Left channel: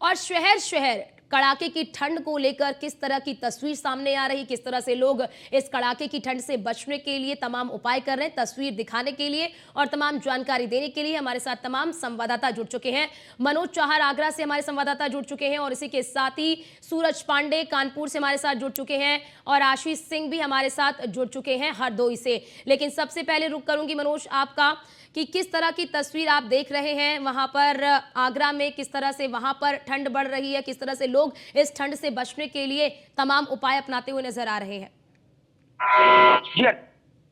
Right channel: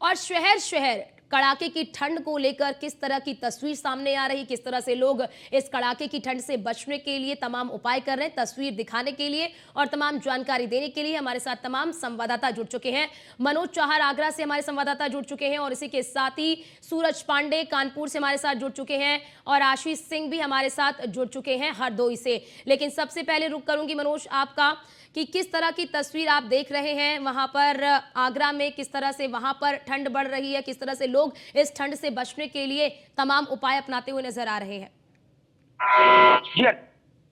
और शहर शहर कड़ाके की ठंड को लेकर किस तरह की तस्वीर सामने आ रही, किस तरह से लोग इस कड़ाके की ठंड से बचने के लिए तमाम उपाय कर रहे हैं, तस्वीर दिखाने के लिए और तमाम जानकारी देने के लिए हमारे साथ तमाम संवाददाता जुड़ चुके हैं। मनोज चाहर आगरा से हमारे संवाददाता जुड़ चुके हैं और इसी के साथ ही सूरज पांडे कानपुर से हमारे साथ जुड़ चुके हैं और आशीष सिंह भी हमारे साथ जुड़ चुके हैं हरदोई से। लेकिन सबसे पहले रुक करूंगी मनोज आपका कि किस तरह की तस्वीर आप देख रहे हैं वहां पर आगरा में, किस तरह से वहां पर ठंड बढ़ रही है, किस तरह से लोग इस ठंड से बचने के लिए तमाम उपाय अपनाते हुए नजर आ रहे हैं। जी हाँ,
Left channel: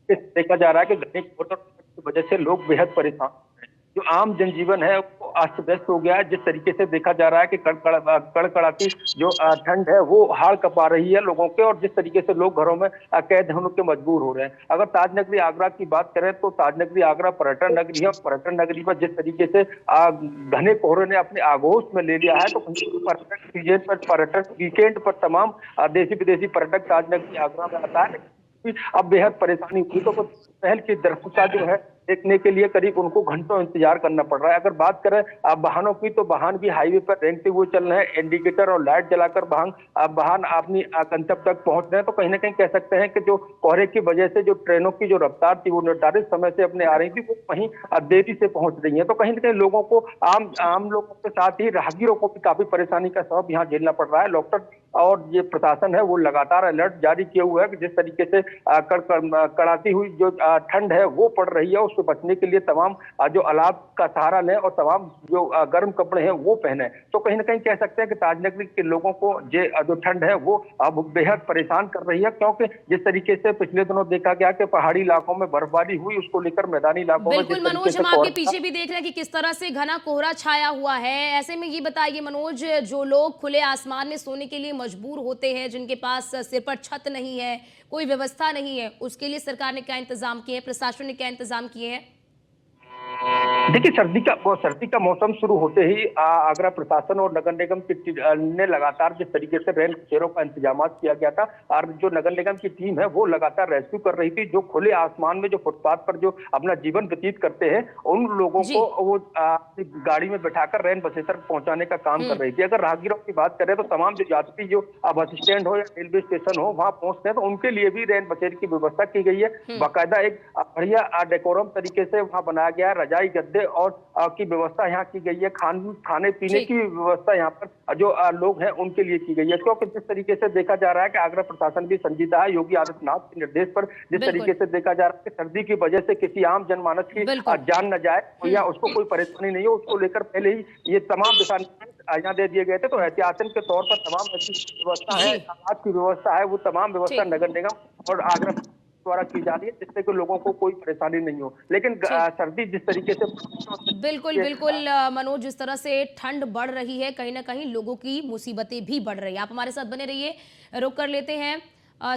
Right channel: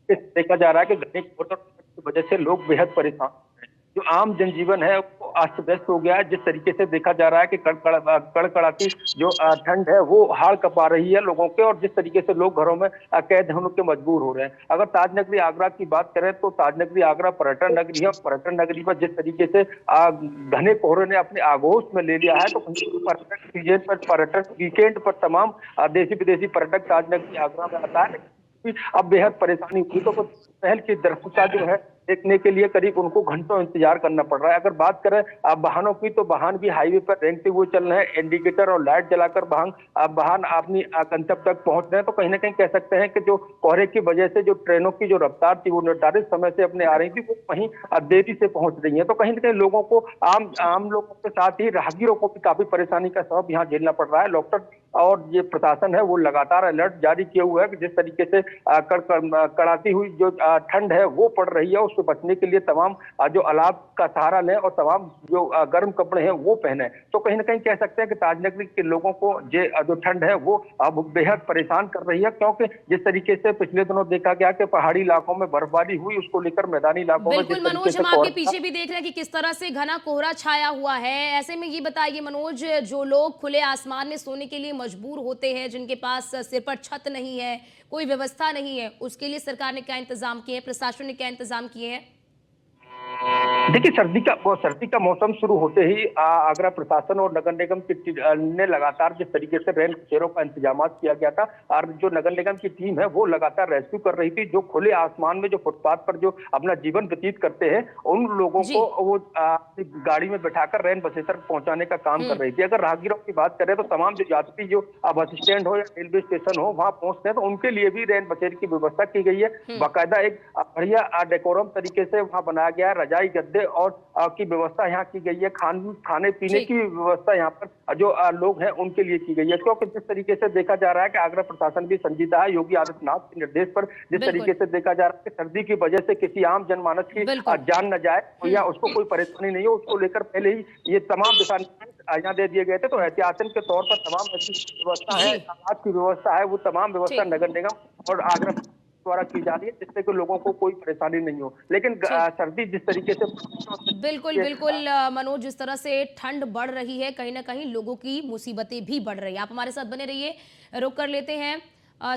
देखा जा रहा है कि घने कोहरे की वजह से लोग बेहद परेशान हैं। जो आम जनजीवन है वो अस्त व्यस्त हो गया है। जिस तरीके से देखा जा रहा है कि कड़कड़ाती जो ठंड है वो हाड़ कपा रही है लोगों के, और जिस तरीके से लोग घरों में कैद होने के मजबूर हो रहे हैं। अगर ताजनगरी आगरा की बात करें तो ताजनगरी आगरा पर्यटन नगरी है। पर्यटन नगरी पर जिस तरीके से घने कोहरे ने अपने आगोश में ले लिया है, तो पर्यटन सीजन पर, पर्यटन वीकेंड पर तमाम देशी विदेशी पर्यटक ताजनगरी आगरा में आता है। अब बेहद परेशानी हुई, तो कुछ पहल की दृश्यता जो है देखने के लिए करीब उनको घंटों इंतजार करना पड़ रहा है। अगर बात करें वाहनों की, तो वाहन भी हाईवे पर रेंगते हुए चल रहे हैं। इंडिकेटर और लाइट जलाकर वाहन अपनी गंतव्य तक पहुंच रहे हैं। तो कहीं ना कहीं कह सकते हैं कि जो कोहरे की वजह से जो ट्रेनों की जो रफ्तार थी वो निर्धारित समय से अपने आ रही थी, वो कहीं देरी से पहुंच रही है। तो कहीं ना कहीं लोगों को, आम लोगों के साथ ही राहगीरों को भी काफी परेशानी का सबब यहाँ झेलना पड़ रहा है। डॉक्टर और ये प्रशासन है वो लगातार अलर्ट जारी किए हुए है कि जिस तरीके से कड़ाती हुई जो ठंड है वो पड़ रही है, उससे बचने के लिए तमाम जो अलाव का सहारा लें और तमाम जो गर्म कपड़े हैं वो पहने। तो कहीं ना कहीं कह सकते हैं कि ताजनगरी के लोगों को जो ठंड है वो अब बेहद परेशान कर रही है, क्योंकि जिस तरीके से पिछले दिनों देखा गया कि पहाड़ी इलाकों में बर्फबारी हुई, उसको लेकर मैदानी इलाकों में बिल्कुल जिस तरीके मनोज, से हम आपके पीछे भी देख रहे हैं कि किस तरह से घना कोहरा छाया हुआ है। ऐसे में ये बताइए मनोज, जो लोग खुले आसमान में सोने के लिए मजबूर होते हैं, जिनके पास सिर पर छत नहीं है, कोई व्यवस्था नहीं है, उसके लिए सरकार ने क्या इंतजाम किए हैं, प्रशासन ने क्या इंतजाम किए हैं? देखिए, सर्दी का मौसम शुरू होते ही आगरा प्रशासन और नगर निगम ने लगातार जिस तरीके से रेल बसेरों का इंतजाम किया गया था, और जो नगर निगम की टीम है वो लगातार रेस्क्यू कर रही थी। जो खुले आसमान में जो फुटपाथ पर जो अपना जीवन व्यतीत करते हैं, उन लोगों जी। को वो अपनी गाड़ी में बैठाकर रैन बसेर तक पहुंचाने का काम कर रही थी। अगर राहगीरों की बात करें तो तमाम जो यात्री जो बस स्टैंड हो या रेलवे स्टेशन हो वहां पहुंचते हैं, तो उनके लिए भी रैन बसेर की व्यवस्था की गई है। बाकायदा एक बढ़िया डेकोरम तरीके से वहां बनाया गया है। रजाई गद्दे और की व्यवस्था यहाँ की गई है। खाने पीने जी। की व्यवस्था यहाँ पर जो लोग हैं उनके लिए की गई है, क्योंकि जिस तरीके से देखा जा रहा है कि आगरा प्रशासन भी संजीदा है। योगी आदित्यनाथ के निर्देश पर जिस बिल्कुल। तरीके से देखा जा रहा है कि सर्दी की वजह से किसी आम जनमानस की बिल्कुल। जान न जाए या उसको कोई परेशानी नहीं हो, उसको लेकर पहले ही ये तमाम दिशा निर्देश यहाँ दे दिए गए थे। तो एहतियातन के तौर पर तमाम ऐसी व्यवस्था है, जी। आज की व्यवस्था है, वो तमाम व्यवस्था ठीक। नगर निगम और आगरा द्वारा की जा रही है, जिससे कि लोगों को कोई परेशानी नहीं हो। लेकिन ठीक। सर्दी जिस तरीके से बिल्कुल, बिल्कुल मनोज, जिस तरह से ठंड बढ़ रही है, कहीं न कहीं लोगों की मुसीबतें भी बढ़ रही हैं। आप हमारे साथ बने रहिए। रुक कर लेते हैं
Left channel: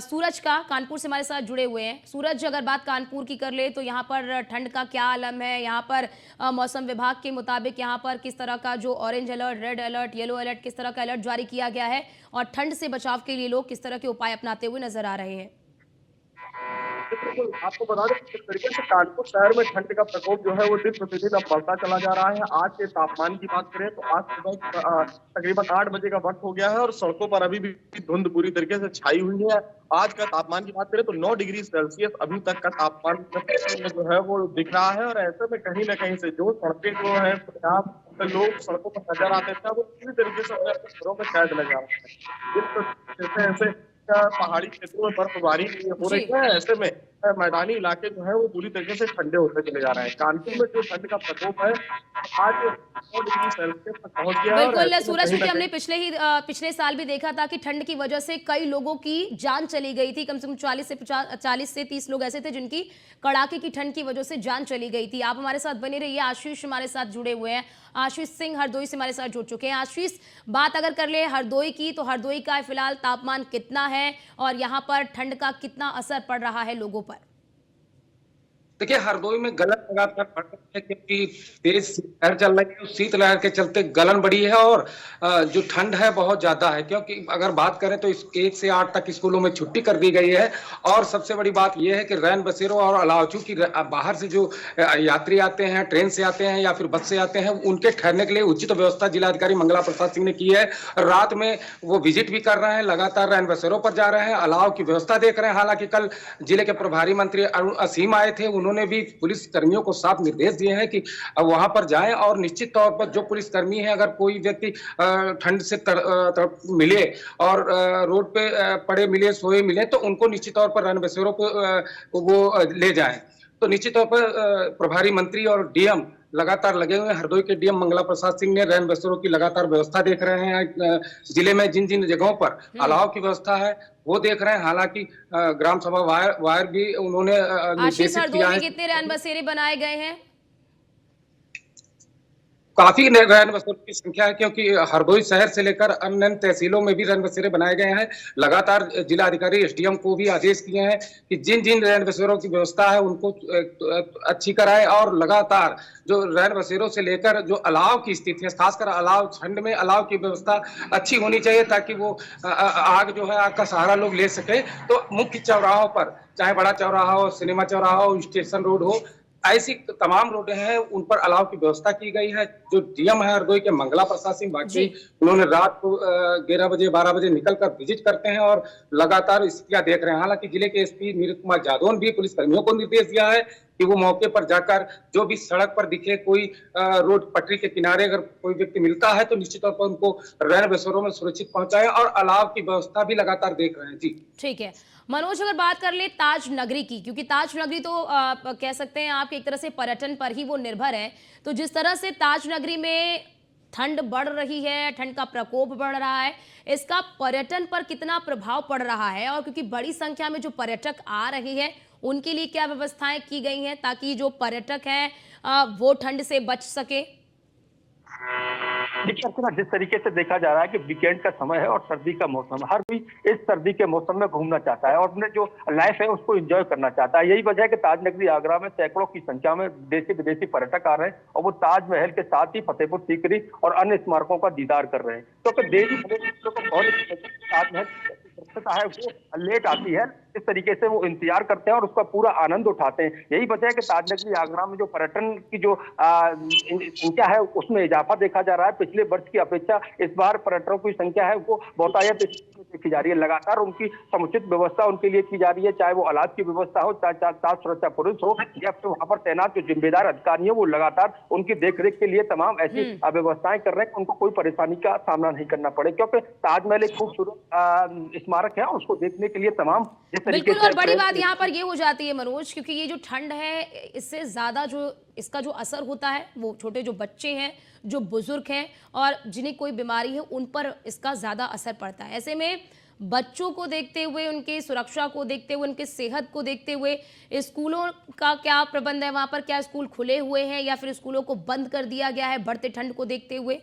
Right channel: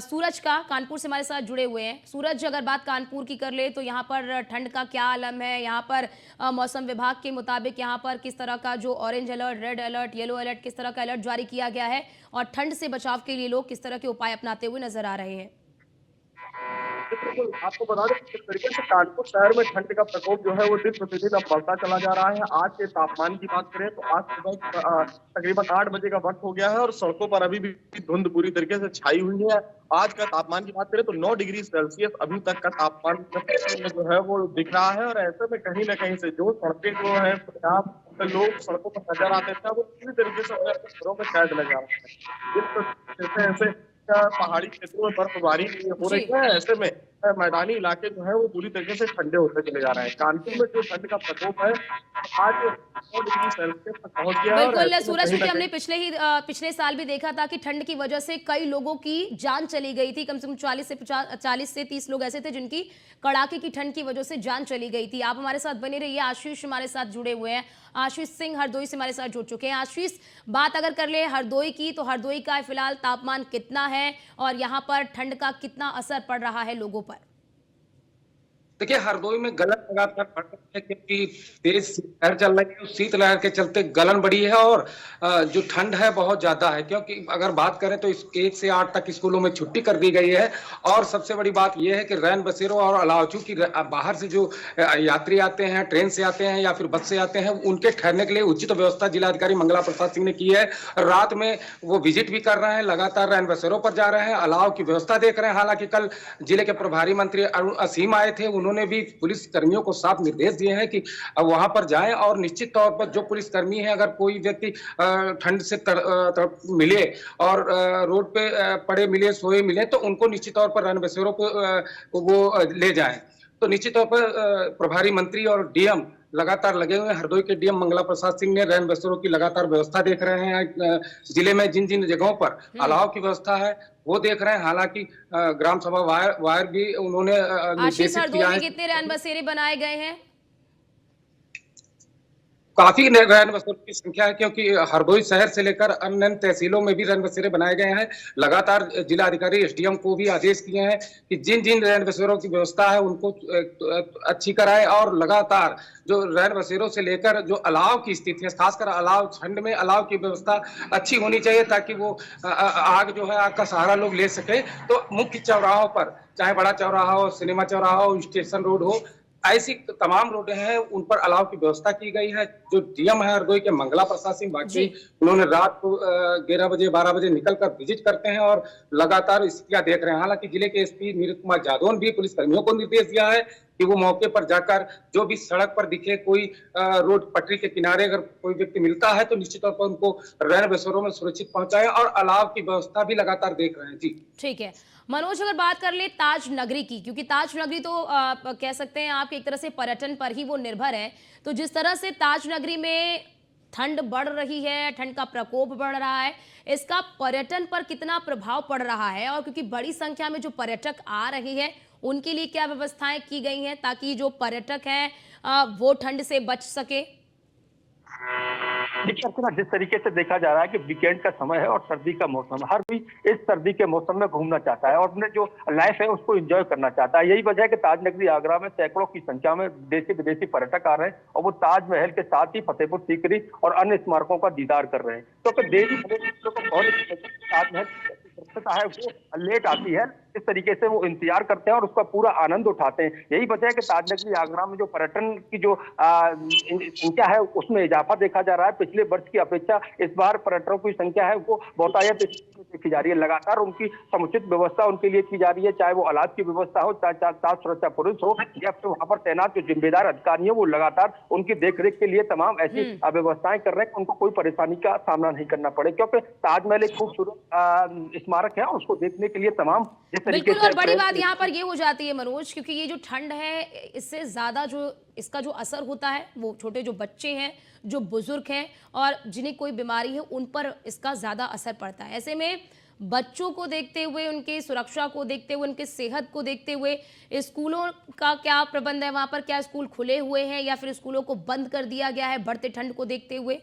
सूरज का, कानपुर से हमारे साथ जुड़े हुए हैं। सूरज, अगर बात कानपुर की कर ले तो यहाँ पर ठंड का क्या आलम है? यहाँ पर मौसम विभाग के मुताबिक यहाँ पर किस तरह का जो orange alert, red alert, yellow alert, किस तरह का अलर्ट जारी किया गया है? और ठंड से बचाव के लिए लोग किस तरह के उपाय अपनाते हुए नज़र आ रहे हैं? बिल्कुल, आपको बता दें कि जिस तरीके से कानपुर शहर में ठंड का प्रकोप जो है वो दिन प्रतिदिन अब बढ़ता चला जा रहा है। आज के तापमान की बात करें तो आज सुबह तकरीबन 8 बजे का वक्त हो गया है और सड़कों पर अभी भी धुंध पूरी तरीके से छाई हुई है। आज का तापमान की बात करें तो 9 डिग्री सेल्सियस अभी तक का तापमान जो है वो दिख रहा है, और ऐसे में कहीं न कहीं से जो सड़कें जो है जहाँ लोग सड़कों पर नजर आते थे, वो पूरी तरीके से अपने अपने घरों में कैद नजर आ रहे हैं। जैसे ऐसे पहाड़ी क्षेत्रों में बर्फबारी हो जी। रही है, ऐसे में मैदानी इलाके जो है वो पूरी तरीके से ठंडे होते चले जा रहे हैं। कानपुर में जो ठंड का प्रकोप है आज 9 डिग्री सेल्सियस तक पहुंच गया है, और बिल्कुल ऐसे में सूरज, कहीं क्योंकि न हमने कहीं पिछले साल भी देखा था कि ठंड की वजह से कई लोगों की जान चली गई थी। कम से कम 40 से 30 लोग ऐसे थे जिनकी कड़ाके की ठंड की वजह से जान चली गई थी। आप हमारे साथ बने रहिए। आशीष हमारे साथ जुड़े हुए हैं। आशीष सिंह हरदोई से हमारे साथ जुड़ चुके हैं। आशीष, बात अगर कर ले हरदोई की, तो हरदोई का फिलहाल तापमान कितना है और यहाँ पर ठंड का कितना असर पड़ रहा है लोगों पर? देखिए, हरदोई में गलन लगातार बढ़ रही है क्योंकि तेज शीतलहर चल रही है। उस शीतलहर के चलते गलन बढ़ी है और जो ठंड है बहुत ज्यादा है, क्योंकि अगर बात करें तो 1 से 8 तक स्कूलों में छुट्टी कर दी गई है। और सबसे बड़ी बात यह है कि रैन बसेरों और अलाव, चूंकि बाहर से जो यात्री आते हैं, ट्रेन से आते हैं या फिर बस से आते हैं, उनके ठहरने के लिए उचित व्यवस्था जिलाधिकारी मंगला प्रसाद सिंह ने की है। रात में वो विजिट भी कर रहे हैं, लगातार रैन बसेरों पर जा रहे हैं, अलाव की व्यवस्था देख रहे हैं। हालांकि कल जिले के प्रभारी मंत्री अरुण असीम आए थे, उन्होंने भी पुलिस कर्मियों को साफ निर्देश दिए हैं कि वहां पर जाएं और निश्चित तौर पर जो पुलिस कर्मी है, अगर कोई व्यक्ति ठंड से मिले और रोड पे पड़े मिले, सोए मिले, तो उनको निश्चित तौर पर रैन बसेरों पे वो ले जाएं। तो निश्चित तौर पर प्रभारी मंत्री और डीएम लगातार लगे हुए हैं। हरदोई के डीएम मंगला प्रसाद सिंह ने रैन बसेरों की लगातार व्यवस्था देख रहे हैं। जिले में जिन जिन जगहों पर अलाव की व्यवस्था है वो देख रहे हैं। हालांकि ग्राम सभा वायर भी उन्होंने आशीष, निर्देशित हरदोई किया में है। कितने रैन बसेरे बनाए गए हैं? काफी रैन बसेरों की संख्या है, क्योंकि हरदोई शहर से लेकर अन्य तहसीलों में भी रैन बसेरे बनाए गए हैं। लगातार जिलाधिकारी एसडीएम को भी आदेश किए हैं कि जिन जिन रैन बसेरों की व्यवस्था है उनको अच्छी कराएं और लगातार जो रैन बसेरों से लेकर जो अलाव की स्थिति है, खासकर अलाव ठंड में अलाव की व्यवस्था अच्छी होनी चाहिए, ताकि वो आग जो है, आग का सहारा लोग ले सके। तो मुख्य चौराहों पर, चाहे बड़ा चौराहा हो, सिनेमा चौराहा हो, स्टेशन रोड हो, ऐसी तमाम रोडें हैं, उन पर अलाव की व्यवस्था की गई है। जो डीएम है हरदोई के मंगला प्रसाद सिंह, जी। बाकी उन्होंने रात को 11 बजे 12 बजे निकलकर विजिट करते हैं और लगातार स्थितियां देख रहे हैं। हालांकि जिले के एसपी नीरज कुमार जादव ने भी पुलिस कर्मियों को निर्देश दिया है कि वो मौके पर जाकर जो भी सड़क पर दिखे, कोई रोड पटरी के किनारे अगर कोई व्यक्ति मिलता है, तो निश्चित तौर पर उनको रैन बसेरों में सुरक्षित पहुंचाए और अलाव की व्यवस्था भी लगातार देख रहे हैं। जी ठीक है मनोज, अगर बात कर ले ताज नगरी की, क्योंकि ताज नगरी तो कह सकते हैं आप एक तरह से पर्यटन पर ही वो निर्भर है, तो जिस तरह से ताज नगरी में ठंड बढ़ रही है, ठंड का प्रकोप बढ़ रहा है, इसका पर्यटन पर कितना प्रभाव पड़ रहा है? और क्योंकि बड़ी संख्या में जो पर्यटक आ रहे हैं, उनके लिए क्या व्यवस्थाएं की गई हैं ताकि जो पर्यटक हैं वो ठंड से बच सके? देखिए अर्चना, जिस तरीके से देखा जा रहा है कि वीकेंड का समय है और सर्दी का मौसम है, हर कोई इस सर्दी के मौसम में घूमना चाहता है और अपने जो लाइफ है उसको एंजॉय करना चाहता है। यही वजह है कि ताज नगरी आगरा में सैकड़ों की संख्या में देशी विदेशी पर्यटक आ रहे हैं और वो ताजमहल के साथ ही फतेहपुर सीकरी और अन्य स्मारकों का दीदार कर रहे हैं। क्योंकि देवी विदेशियों को बहुत ताजमहल है वो लेट आती है, इस तरीके से वो इंतजार करते हैं और उसका पूरा आनंद उठाते हैं। यही वजह है कि ताज नगरी आगरा में जो पर्यटन की जो संख्या है उसमें इजाफा देखा जा रहा है। पिछले वर्ष की अपेक्षा इस बार पर्यटकों की संख्या है वो बहुतायत देखी जा रही है। लगातार उनकी समुचित व्यवस्था उनके लिए की जा रही है, चाहे वो अलाव की व्यवस्था हो, चाहे साफ सुरक्षा पुलिस हो या फिर वहां पर तैनात जो जिम्मेदार अधिकारी है वो लगातार उनकी देखरेख के लिए तमाम ऐसी व्यवस्थाएं कर रहे हैं कि उनको कोई परेशानी का सामना नहीं करना पड़े। क्योंकि ताजमहल एक खूबसूरत स्मारक है और उसको देखने के लिए तमाम जिस तरीके बिल्कुल, से और बड़ी बात यहाँ पर ये हो जाती है मनोज, क्योंकि ये जो ठंड है इससे ज्यादा जो इसका जो असर होता है वो छोटे जो बच्चे हैं, जो बुजुर्ग हैं और जिन्हें कोई बीमारी है, उन पर इसका ज्यादा असर पड़ता है। ऐसे में बच्चों को देखते हुए, उनकी सुरक्षा को देखते हुए, उनकी सेहत को देखते हुए स्कूलों का क्या प्रबंध है? वहां पर क्या स्कूल खुले हुए हैं या फिर स्कूलों को बंद कर दिया गया है बढ़ते ठंड को देखते हुए?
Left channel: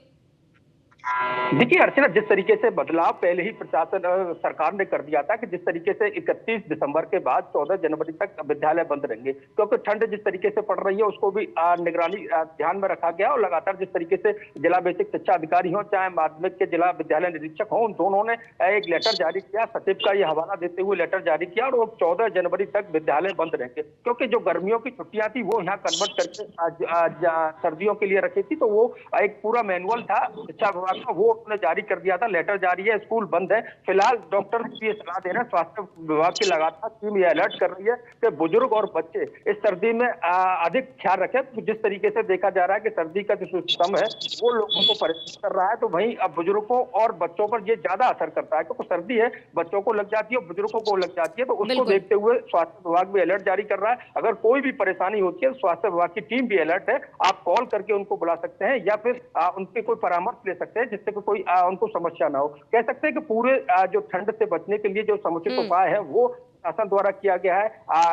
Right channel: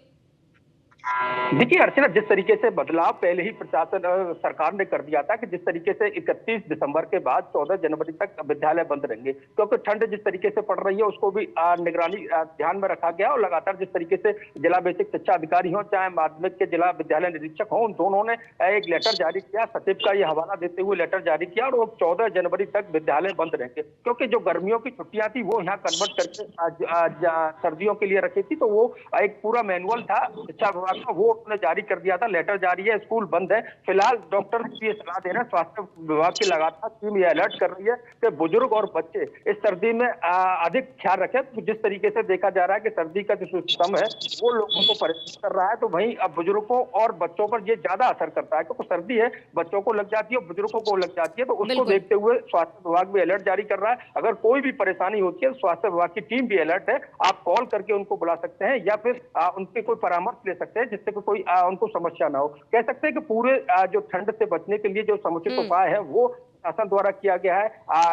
देखिए अर्चना, जिस तरीके से बदलाव पहले ही प्रशासन सरकार ने कर दिया था कि जिस तरीके से 31 दिसंबर के बाद 14 जनवरी तक विद्यालय बंद रहेंगे, क्योंकि ठंड जिस तरीके से पड़ रही है उसको भी निगरानी ध्यान में रखा गया और लगातार जिस तरीके से जिला बेसिक शिक्षा अधिकारी हो चाहे माध्यमिक के जिला विद्यालय निरीक्षक हो, उन दोनों ने एक लेटर जारी किया, सचिव का ये हवाला देते हुए लेटर जारी किया और वो 14 जनवरी तक विद्यालय बंद रहेंगे। क्योंकि जो गर्मियों की छुट्टियां थी वो यहाँ कन्वर्ट करके सर्दियों के लिए रखी थी, तो वो एक पूरा मैनुअल था शिक्षा विभाग का, वो उन्होंने जारी कर दिया था। लेटर जारी है, स्कूल बंद है। फिलहाल डॉक्टर ये सलाह दे रहे हैं, स्वास्थ्य विभाग की लगातार टीम ये अलर्ट कर रही है कि बुजुर्ग और बच्चे इस सर्दी में अधिक ख्याल रखें। तो जिस तरीके से देखा जा रहा है कि सर्दी का जो सिस्टम है वो लोगों को परेशान कर रहा है, तो वहीं अब बुजुर्गों और बच्चों पर ये ज्यादा असर करता है, क्योंकि सर्दी है, बच्चों को लग जाती है, बुजुर्गों को लग जाती है, तो उसको देखते हुए स्वास्थ्य विभाग भी अलर्ट जारी कर रहा है। अगर कोई भी परेशानी होती है, स्वास्थ्य विभाग की टीम भी अलर्ट है, आप कॉल करके उनको बुला सकते हैं या फिर उनके कोई परामर्श ले सकते हैं जिससे कोई उनको समस्या ना हो। कह सकते हैं कि पूरे जो ठंड से बचने के लिए जो समुचित उपाय है वो शासन द्वारा किया गया है,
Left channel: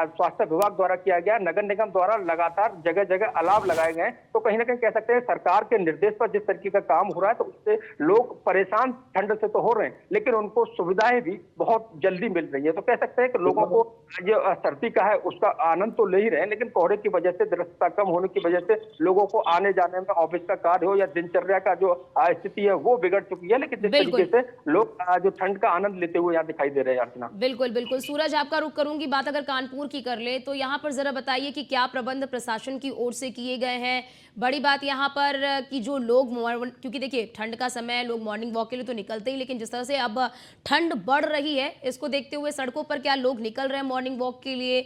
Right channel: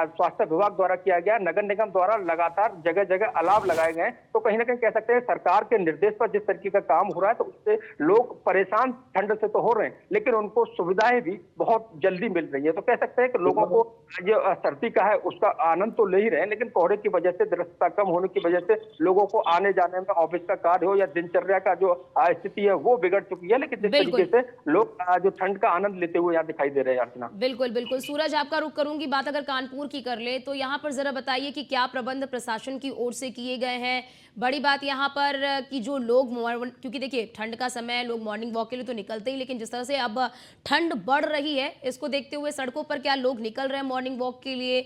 स्वास्थ्य विभाग द्वारा किया गया है, नगर निगम द्वारा लगातार जगह जगह अलाव लगाए गए हैं। तो कहीं ना कहीं कह सकते हैं सरकार के निर्देश पर जिस तरीके का काम हो रहा है तो उससे लोग परेशान ठंड से तो हो रहे हैं, लेकिन उनको सुविधाएं भी बहुत जल्दी मिल रही है। तो कह सकते हैं कि लोगों को जो सर्दी का है उसका आनंद तो ले ही रहे हैं, लेकिन कोहरे की वजह से, दृश्यता कम होने की वजह से लोगों को आने जाने में, ऑफिस का कार्य हो या दिनचर्या का जो स्थिति है वो बिगड़ चुकी है। लेकिन जिस तरीके से लोग जो ठंड का आनंद लेते हुए यहाँ दिखाई दे रहे हैं। अर्चना, बिल्कुल बिल्कुल। सूरज, आपका रुख करूंगी। बात अगर कानपुर की कर ले तो यहाँ पर जरा बताइए कि क्या प्रबंध प्रशासन की ओर से किए गए हैं। बड़ी बात यहाँ पर कि जो लोग, क्योंकि देखिए ठंड का समय है, लोग मॉर्निंग वॉक के लिए तो निकलते ही, लेकिन जिस तरह से अब ठंड बढ़ रही है इसको देखते हुए सड़कों पर क्या लोग निकल रहे हैं मॉर्निंग वॉक के लिए?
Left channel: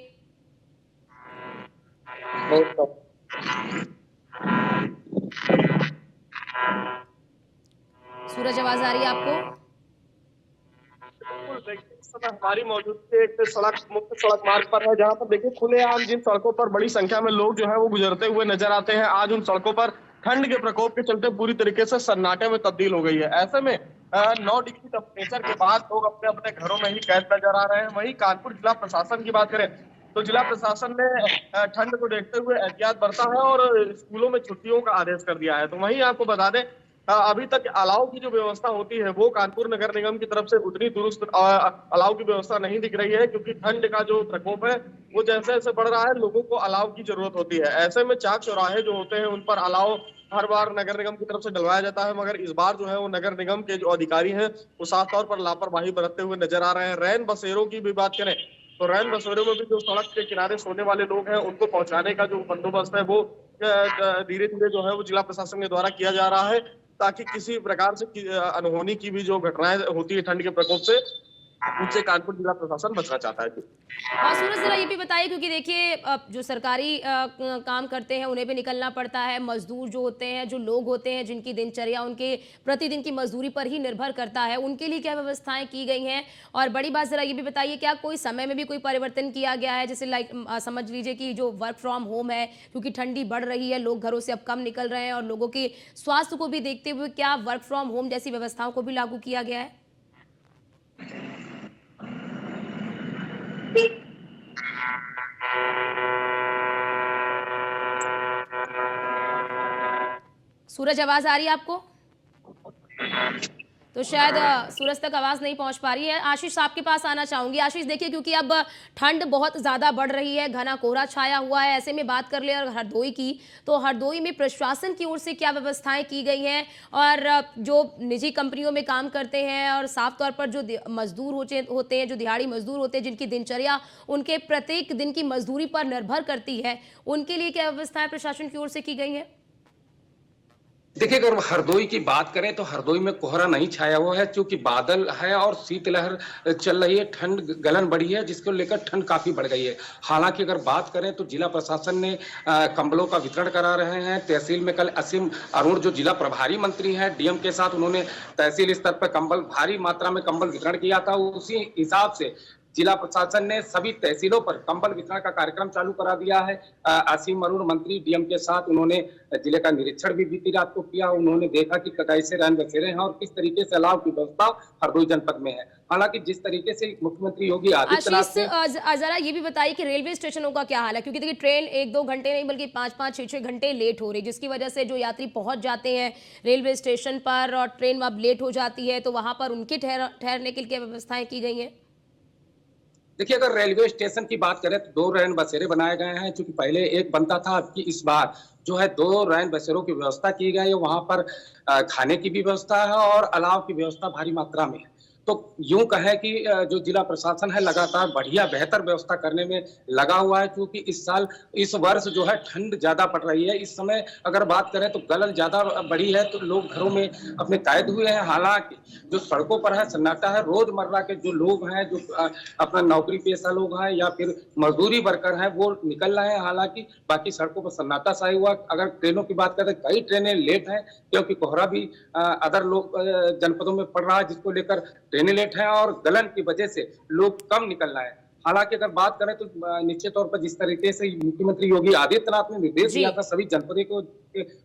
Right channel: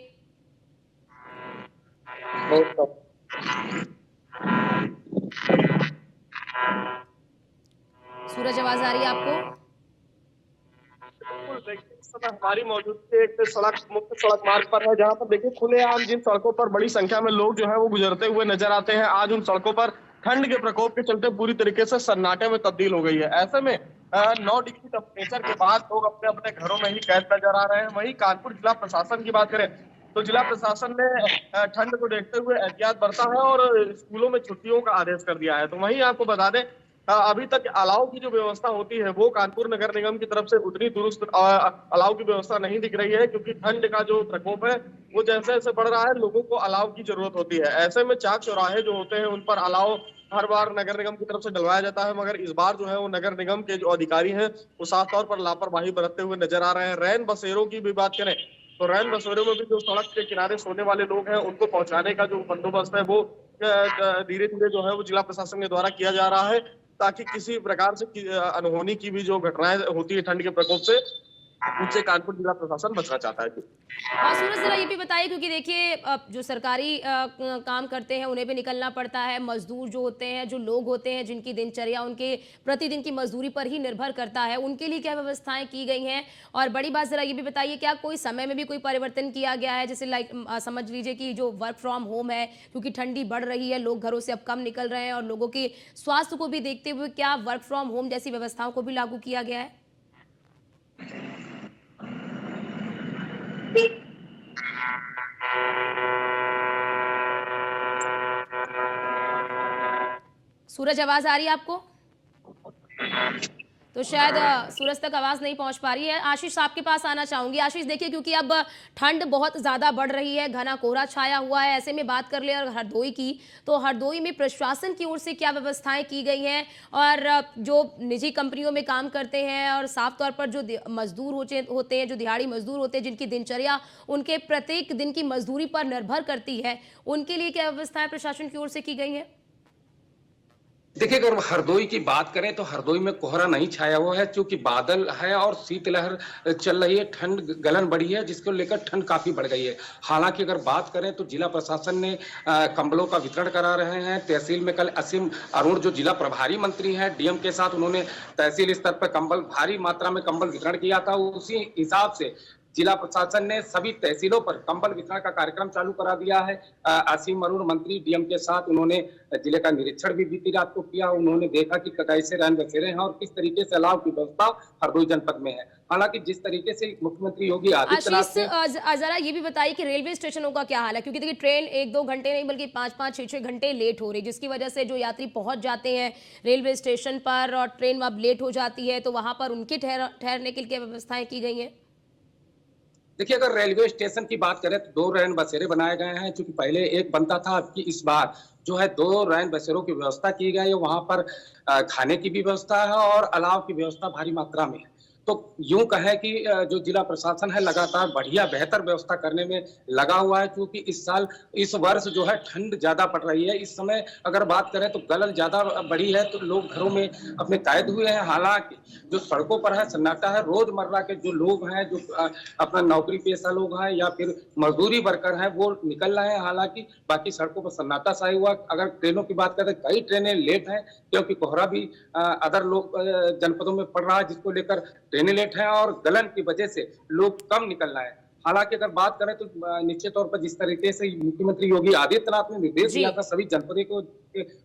सूरज, आवाज आ रही है आपको? हमारी मौजूदगी एक सड़क, मुख्य सड़क मार्ग पर है, जहां पर देखिए खुलेआम जिन सड़कों पर बड़ी संख्या में लोग जो है वो गुजरते हुए नजर आते हैं, आज उन सड़कों पर ठंड के प्रकोप के चलते पूरी तरीके से सन्नाटे में तब्दील हो गई है। ऐसे में 9 डिग्री टेम्परेचर के बाद लोग अपने अपने घरों में ही कैद नजर आ रहे हैं। वहीं कानपुर जिला प्रशासन की बात करें तो जिला प्रशासन ने ठंड को देखते हुए एहतियात बरता है और स्कूलों में छुट्टियों का आदेश कर दिया है। तो वहीं आपको बता दें, अभी तक अलाव की जो व्यवस्था होती है वो कानपुर नगर निगम की तरफ से उतनी दुरुस्त अलाव की व्यवस्था नहीं दिख रही है, क्योंकि ठंड का जो प्रकोप है वो जैसे जैसे बढ़ रहा है लोगों को अलाव की जरूरत होती है। ऐसे में चाक चौराहे जो होते हैं उन पर अलाव हर बार नगर निगम की तरफ से डलवाया जाता है, मगर इस बार जो है वो नगर निगम के जो अधिकारी हैं वो साफ तौर पर लापरवाही बरतते हुए नजर आ रहे हैं। रैन बसेरों की भी बात करें तो रैन बसेरों में भी जो सड़क के किनारे सोने वाले लोग हैं उनको पहुंचाने का जो बंदोबस्त है वो धीरे धीरे जो है वो जिला प्रशासन के द्वारा किया जा रहा है, ताकि किसी प्रकार से अनहोनी की भी जो घटनाएं होती है ठंड के प्रकोप से, उनसे कानपुर जिला प्रशासन बचना चाहता है। और सूरज, जरा ये भी बताइए, क्योंकि देखिए जो सरकारी काम करते हैं उन्हें भी निकलना पड़ता है, मजदूर जो होते हैं, जो लोग होते हैं जिनकी दिनचर्या उनके प्रतिदिन की मजदूरी पर ही निर्भर करता है, उनके लिए क्या व्यवस्थाएं की गई हैं? और बड़ी बात जरा ये भी बताइए, क्या कोई समय में भी कोई परिवर्तन किया गया है? जैसे समझ लीजिए कि जो वर्क फ्रॉम होम है, क्योंकि ठंडी बढ़ रही है, लोग घरों से अब कम निकल रहे हैं और लोगों के स्वास्थ्य को भी देखते हुए क्या वर्क फ्रॉम होम जैसी व्यवस्थाओं को भी लागू किया गया है? सूरज, आवाज आ रही है आपको? तो शायद सूरज तक आवाज नहीं पहुंच पा रही है। आशीष, आपके पास आना चाहूंगी। आशीष, देखिए क्योंकि अब ठंड बहुत ज्यादा बढ़ रही है, घना कोहरा छाया हुआ है, ऐसे में बात कर ले और हरदोई की, तो हरदोई में प्रशासन की ओर से क्या व्यवस्थाएं की गई हैं? और जो निजी कंपनियों में काम करते हैं और साफ तौर पर जो मजदूर होते हैं, जो दिहाड़ी मजदूर होते हैं, जिनकी दिनचर्या उनके प्रत्येक दिन की मजदूरी पर निर्भर करती है, उनके लिए क्या व्यवस्थाएं प्रशासन की ओर से की गई है? देखिए, अगर हरदोई की बात करें तो हरदोई में कोहरा नहीं छाया हुआ है, क्योंकि बादल है और शीतलहर चल रही है, ठंड गलन बढ़ी है, जिसको लेकर ठंड काफी बढ़ गई है। हालांकि अगर बात करें तो जिला प्रशासन ने कंबलों का वितरण करा रहे हैं। तहसील में कल असीम अरुण जो जिला प्रभारी मंत्री हैं, डीएम के साथ उन्होंने तहसील स्तर पर कंबल, भारी मात्रा में कंबल वितरण किया था। उसी हिसाब से जिला प्रशासन ने सभी तहसीलों पर कंबल वितरण का कार्यक्रम चालू करा दिया है। असीम अरुण मंत्री डीएम के साथ उन्होंने जिले का निरीक्षण भी बीती रात को किया। उन्होंने देखा कि कैसे रैन बसेरे हैं और किस तरीके से अलाव की व्यवस्था हरदोई जनपद में है। हालांकि जिस तरीके से मुख्यमंत्री योगी आदित्यनाथ से जरा ये भी बताइए कि रेलवे स्टेशनों का क्या हाल है, क्योंकि देखिए ट्रेन 1-2 घंटे नहीं बल्कि 5-5, 6-6 घंटे लेट हो रही, जिसकी वजह से जो यात्री पहुंच जाते हैं रेलवे स्टेशन पर और ट्रेन अब लेट हो जाती है, तो वहां पर उनके ठहरने के लिए क्या व्यवस्थाएं की गई हैं? देखिए, अगर रेलवे स्टेशन की बात करें तो 2 रैन बसेरे बनाए गए हैं, क्योंकि पहले एक बनता था, अब की इस बार जो है 2 रैन बसेरों की व्यवस्था की गई है। वहां पर खाने की भी व्यवस्था है और अलाव की व्यवस्था भारी मात्रा में है। तो यूं कहें कि जो जिला प्रशासन है लगातार बढ़िया बेहतर व्यवस्था करने में लगा हुआ है, क्योंकि इस वर्ष जो है ठंड ज्यादा पड़ रही है। इस समय अगर बात करें तो गलन ज्यादा बढ़ी है, तो लोग घरों में अपने कैद हुए हैं। हालांकि जो सड़कों पर है सन्नाटा है, रोजमर्रा के जो लोग हैं, जो अपना नौकरी पेशा लोग हैं या फिर मजदूरी वर्कर हैं, वो निकल रहे हैं। हालांकि बाकी सड़कों पर सन्नाटा छाया हुआ। अगर ट्रेनों की बात करें, कई ट्रेनें लेट हैं, क्योंकि कोहरा भी अदर जनपदों में पड़ रहा है, जिसको लेकर ट्रेनें लेट हैं और गलन की वजह से लोग कम निकल रहे हैं। हालांकि अगर बात करें तो निश्चित तौर पर जिस तरीके से मुख्यमंत्री योगी आदित्यनाथ ने निर्देश दिया था सभी जनपदों को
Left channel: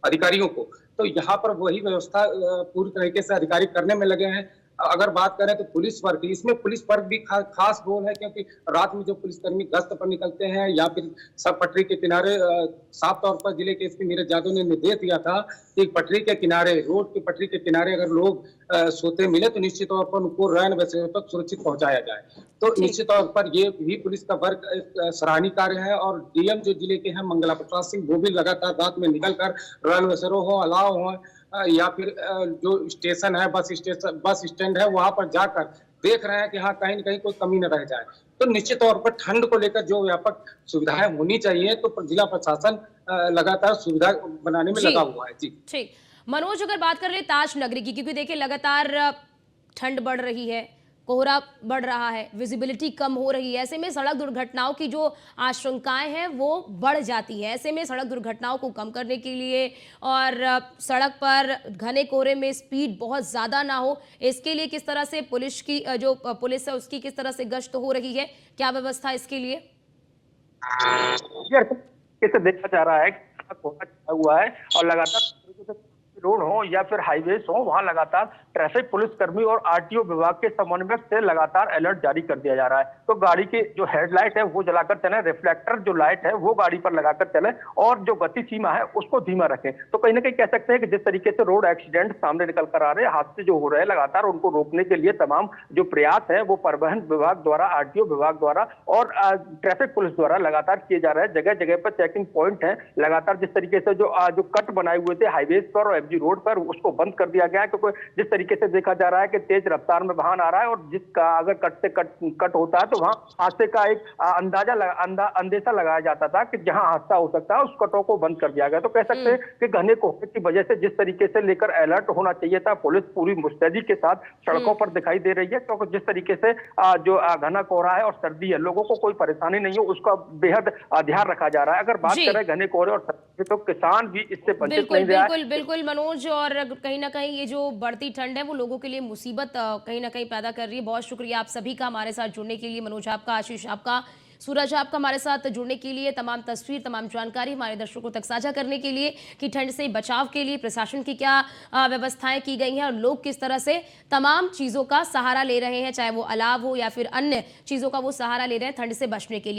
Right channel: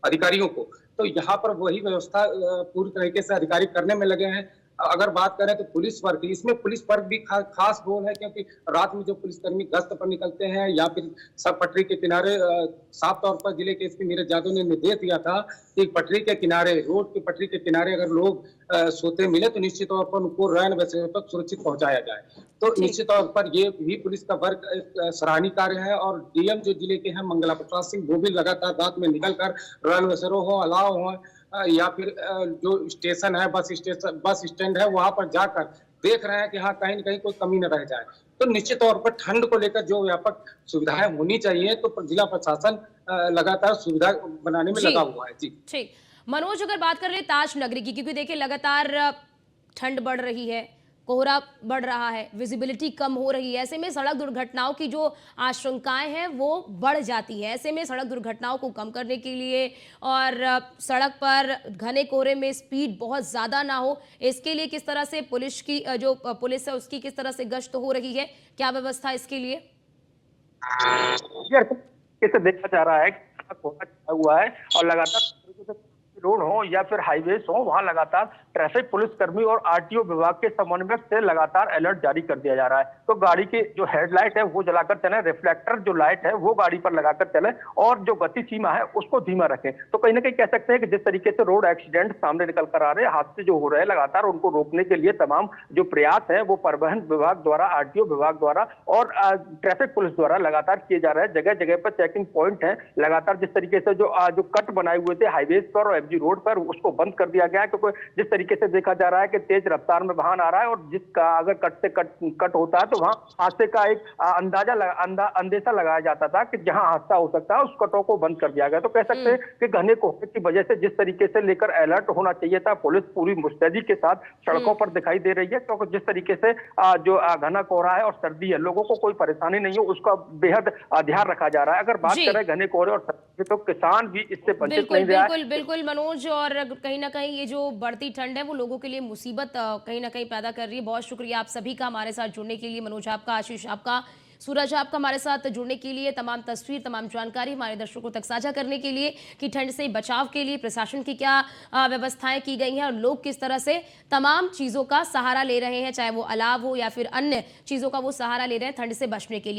अधिकारियों को, तो यहाँ पर वही व्यवस्था पूरी तरीके से अधिकारी करने में लगे हैं। अगर बात करें तो पुलिस वर्ग, इसमें पुलिस वर्ग भी खास रोल है, क्योंकि रात में जो पुलिसकर्मी गश्त पर निकलते हैं या फिर सब पटरी के किनारे, साफ तौर पर जिले के एसपी नीरज यादव ने निर्देश दिया था कि पटरी के किनारे, रोड की पटरी के किनारे अगर लोग सोते मिले तो निश्चित तौर पर उनको रैन बसेरे तक सुरक्षित पहुंचाया जाए। तो निश्चित तौर पर ये भी पुलिस का वर्ग सराहनीय कार्य है। और डीएम जो जिले के हैं मंगला प्रसाद सिंह, वो भी लगातार रात में निकलकर रैन बसेरों हो, अलाव हो या फिर जो स्टेशन है, बस स्टैंड है, वहां पर जाकर देख रहे हैं कि हाँ कहीं न कहीं कोई कमी न रह जाए। तो निश्चित तौर पर ठंड को लेकर जो व्यापक सुविधाएं होनी चाहिए, तो जिला प्रशासन लगातार सुविधा बनाने में लगा हुआ है। जी ठीक। मनोज, अगर बात कर रहे ताज नगरी की, क्योंकि देखिए लगातार ठंड बढ़ रही है, कोहरा बढ़ रहा है, विजिबिलिटी कम हो रही है, ऐसे में सड़क दुर्घटनाओं की जो आशंकाएं हैं वो बढ़ जाती है। ऐसे में सड़क दुर्घटनाओं को कम करने के लिए और सड़क पर घने कोहरे में स्पीड बहुत ज़्यादा ना हो, इसके लिए किस तरह से पुलिस की जो पुलिस है उसकी किस तरह से गश्त हो रही है, क्या व्यवस्था इसके लिए? इसे देखा जा रहा है कि कोहरा छाया हुआ है और लगातार रोड हो या फिर हाईवेज हो, वहां लगातार ट्रैफिक पुलिसकर्मी और आरटीओ विभाग के समन्वय से लगातार अलर्ट जारी कर दिया जा रहा है। तो गाड़ी की जो हेडलाइट है वो जलाकर चले, रिफ्लेक्टर जो लाइट है वो गाड़ी पर लगाकर चले और जो गति सीमा है उसको धीमा रखें। तो कहीं ना कहीं कह सकते हैं कि जिस तरीके से रोड एक्सीडेंट सामने निकल कर आ रहे हैं, हादसे जो हो रहे हैं, लगातार उनको रोकने के लिए तमाम जो प्रयास है वो परिवहन विभाग द्वारा, आरटीओ विभाग द्वारा और ट्रैफिक पुलिस द्वारा लगातार किए जा रहे हैं। जगह जगह पर चेकिंग पॉइंट है, लगातार जिस तरीके से जो कट बनाए हुए थे हाईवेज पर और रोड पर, उसको बंद कर दिया गया है। क्योंकि जिस तरीके से देखा जा रहा है कि तेज रफ्तार में वाहन आ रहा है और जिसका अगर कट होता है तो वहां हादसे का एक अंदेशा लगाया जाता था कि जहां हादसा हो सकता है उस कटों को बंद कर दिया गया। तो कह सकते हैं कि घने कोहरे की वजह से जिस तरीके से लेकर अलर्ट होना चाहिए था, पुलिस पूरी मुस्तैदी के साथ सड़कों पर दिखाई दे रही है। क्योंकि जिस तरीके से जो घना कोहरा है और सर्दी है, लोगों को कोई परेशानी नहीं हो उसका बेहद ध्यान रखा जा रहा है। अगर बात करें घने कोहरे और सर्दी, तो किसान भी इससे वंचित नहीं रहा है। बिल्कुल मनोज, और कहीं ना कहीं ये जो बढ़ती ठंड है वो लोगों के लिए मुसीबत कहीं ना कहीं पैदा कर रही है। बहुत शुक्रिया आप सभी का हमारे साथ जुड़ने के लिए, मनोज आपका, आशीष आपका, सूरज आपका हमारे साथ जुड़ने के लिए, तमाम तस्वीर, तमाम जानकारी हमारे दर्शकों तक साझा करने के लिए कि ठंड से बचाव के लिए प्रशासन की क्या व्यवस्थाएं की गई हैं और लोग किस तरह से तमाम चीज़ों का सहारा ले रहे हैं, चाहे वो अलाव हो या फिर अन्य चीज़ों का वो सहारा ले रहे हैं ठंड से बचने के लिए।